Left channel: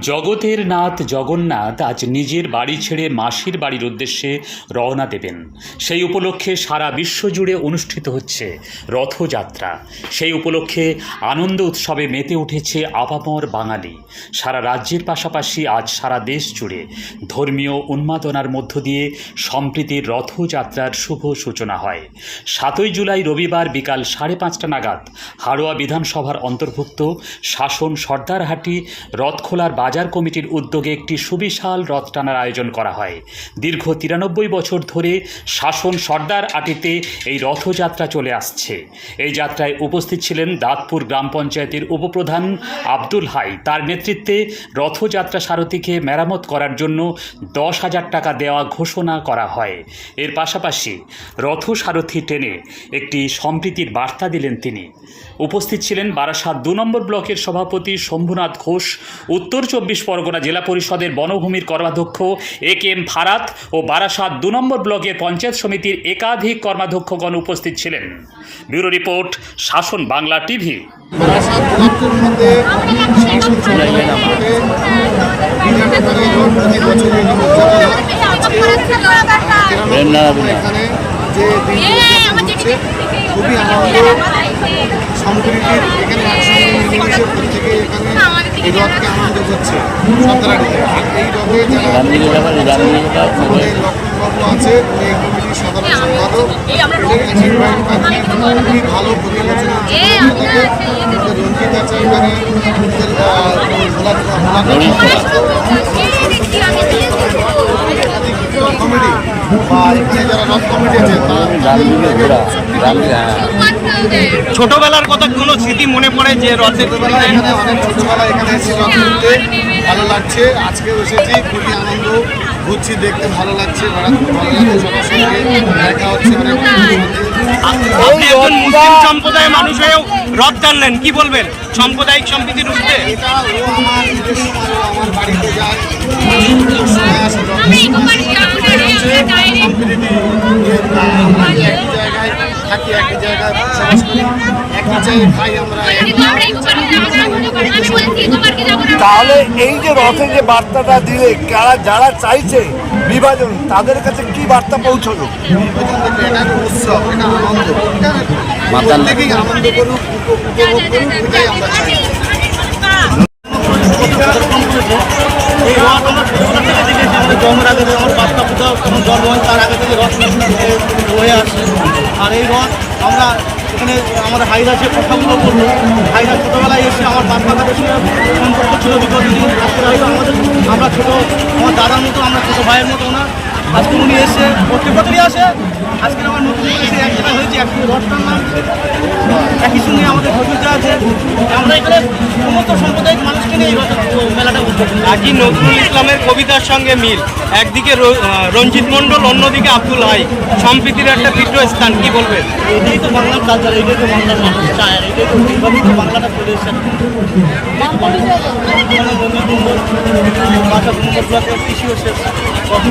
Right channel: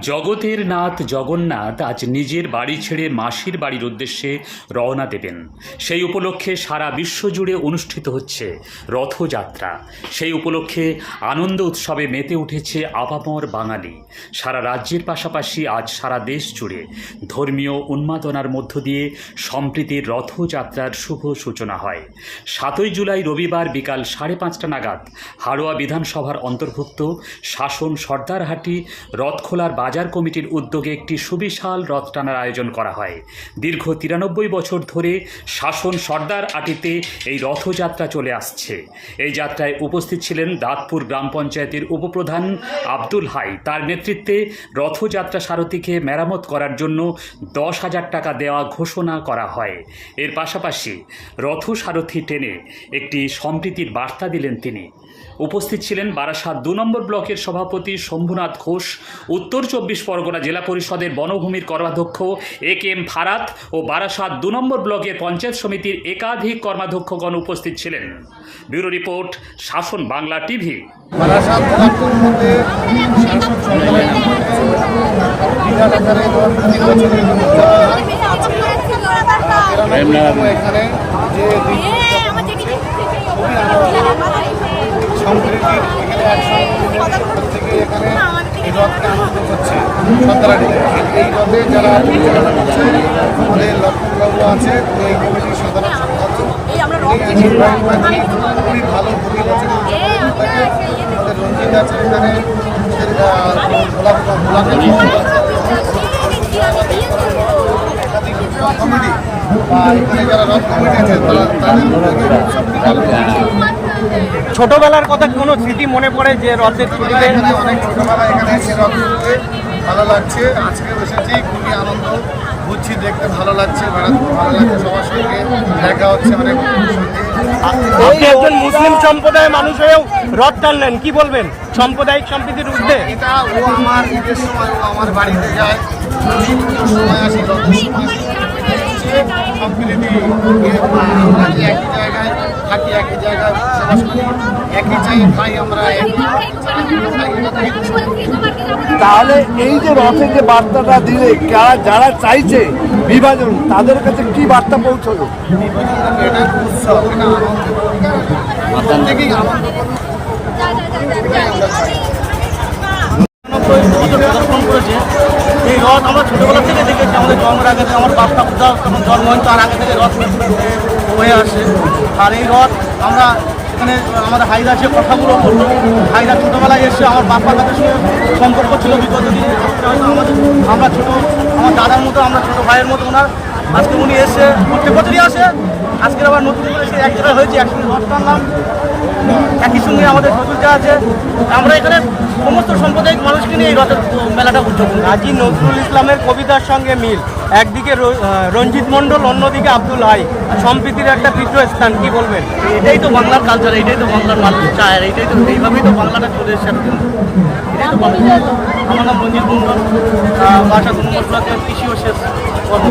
জগতের নাথ জগন্নাথ আজ নিজের বাড়ি ছেড়ে মাসির বাড়ির উদ্দেশ্যে রওনা দেবেন। সেই উপলক্ষে সারা বিশ্ব জুড়ে অনুষ্ঠিত হচ্ছে রথযাত্রা। সেই উপলক্ষে আনন্দ উৎসবে মেতে উঠেছে আপামর বাঙালি। সারা রাজ্যের পাশাপাশি আজ সারা দেশ জুড়ে ধর্মীয় উন্মাদনার মধ্য দিয়ে সম্প্রীতির রথযাত্রার শুভ সূচনা হয়। সাতই জুলাই রবিবার বিকাল সাড়ে পাঁচটা নাগাদ হাড়োয়া বিধানসভার অন্তর্ভুক্ত শাসন সর্দারহাটি রথখোলার বাজার কমিটির উদ্যোগে একটি সুবিশাল রথ টানার আয়োজন করা হয়। দীর্ঘ তিরানব্বই বছর ধরে শাসন সর্দার আটিতে এই রথযাত্রা চলে আসছে। এই যাত্রায় উপস্থিত ছিলেন দাঁতপুর গ্রাম পঞ্চায়েতের উপপ্রধান আব্দুল হাই। তার নেতৃত্বে রথযাত্রা সারথীকে মেরামত করার জন্য দশ হাজার টাকা দেওয়া ঘোষণা করা হয়। এর পাশাপাশি রথ সারথি টেনে একটি সম্প্রীতির বার্তা দিলেন তিনি। উপস্থিত ছিলেন বারাসাত দু নম্বর ব্লকের সভাপতি শম্ভুনাথ ঘোষ, উত্তর চব্বিশ পরগনা জেলা পরিষদের বনভূমির কর্মাধ্যক্ষ এ কে এম ফারাত ও বারাসাত দু নম্বর ব্লকের পঞ্চায়েত সমিতির একাধিক কর্মাধ্যক্ষগণ উপস্থিত ছিলেন। ব্যুরো রিপোর্ট শাসন বাংলা টিভি। বারাসাত পদার্থের মধ্যে শাসন সরকারের আমলে বিরাট আকারে জ্বর প্রতি বছর এখানে উদযাপন হয়। তিরানব্বইতম এখানে যে দিনটি উদযাপন হচ্ছে খুবই আনন্দ সম্প্রীতির এখানে একসঙ্গে মিলেমিশে এখানে এই রথকে আনন্দ করছে সন্তারাটিতে আর এই রথে যারা পরিচালনা করছে, আমাদের লক্ষণবাবু আছে, উনি এই কমিটির সাধারণ সম্পাদক। উনি খুবই ভালো প্রতি বছর থাকে আমাদের রঞ্জিত আছে এখানে। আমাদের ভোলা ভোলা কমিটি। বা এখানে যারা রথ কমিটি আছে, তারা তাদের উৎসবটি পালন করে ছোটবেলার কথা কোনো স্মৃতি মনে পড়ে যে রথের ছোটবেলায় এখানে অনেক ছোটবেলায় এখানে এসে রথ ঘুরতে ভালো লাগছে। আজকে এসেছি খুবই আনন্দ ঘুরছি দেখতে ভালো লাগছে বেড়াতে ভালো লাগছে সবার সঙ্গে। দেখা হচ্ছে অনেক আপনি একজন মুসলিম সম্প্রদায়ের মানুষ হয়েও রথ টানলেন কি বলবেন? সাম্প্রদায়িক সম্প্রীতির উঠতে এটা ও আমার আমার বাড়িতে যায়। সময় আসি সম্প্রীতি আমরা যে একই জায়গায় থাকি একই জায়গায় বসবাস করি একই জায়গায় খাই আমরা। তাহলে এই যে রথে যে বার্তাটা দিলে যারা যারা চাইছে বিভাজন তাদের কাছে কি বার্তা পৌঁছলো? বিভাজন এটা উৎসব এটা আনন্দ। প্রত্যেকেই উপভোগ করুক এটাই আমরা চাই। পদার্পণ করেছে এই রথ আমরা ছোটবেলা থেকে দেখেছি। আমাদের জন্মের আগে থেকে আমার বাপটা পূজা তখন জন্ম হয়, তার আগে থেকে রথ হয়ে আসে। আর এই রথ আমরা এখানে আমার হাইরা যে কথাগুলো বলল হাইরা ছোটোবেলায় এসে আমার কাদের সঙ্গে সম্পর্ক ছিল বিগত দিন। আজকে হয়তো আমাদের আমরা ছোটো, আমার দাদার মতো, আমরা ছোটো ভাইয়ের মতো ওনার। আজকে উনি এসে প্রত্যেক বছরই আসে। আজকে আবার নতুন করে এসে এক জায়গায় হয়েছে একই রথ টানলাম একই সঙ্গে আমাদের শ্বশুরজা আছে। আমরা এখানে সমস্ত সাম্প্রদায়িক মানুষকে নিয়ে এই রথের। আজি নজরুল ইসলামের কবিতার সঙ্গে মিল। একদিকে রঞ্জিত মণ্ডল, অন্যদিকে আব্দুল হাই। সম্প্রীতির একটা তীর্থস্থান কি বলবেন? এটাই তো বাংলার কালচার এটাই তো বাংলার মানুষ চায় এটাই তো এইভাবেই তো বাংলাটা চলে এসেছে। আমার নাম রঞ্জিত মণ্ডল বাসা দুর্গা কৃষি কর্মী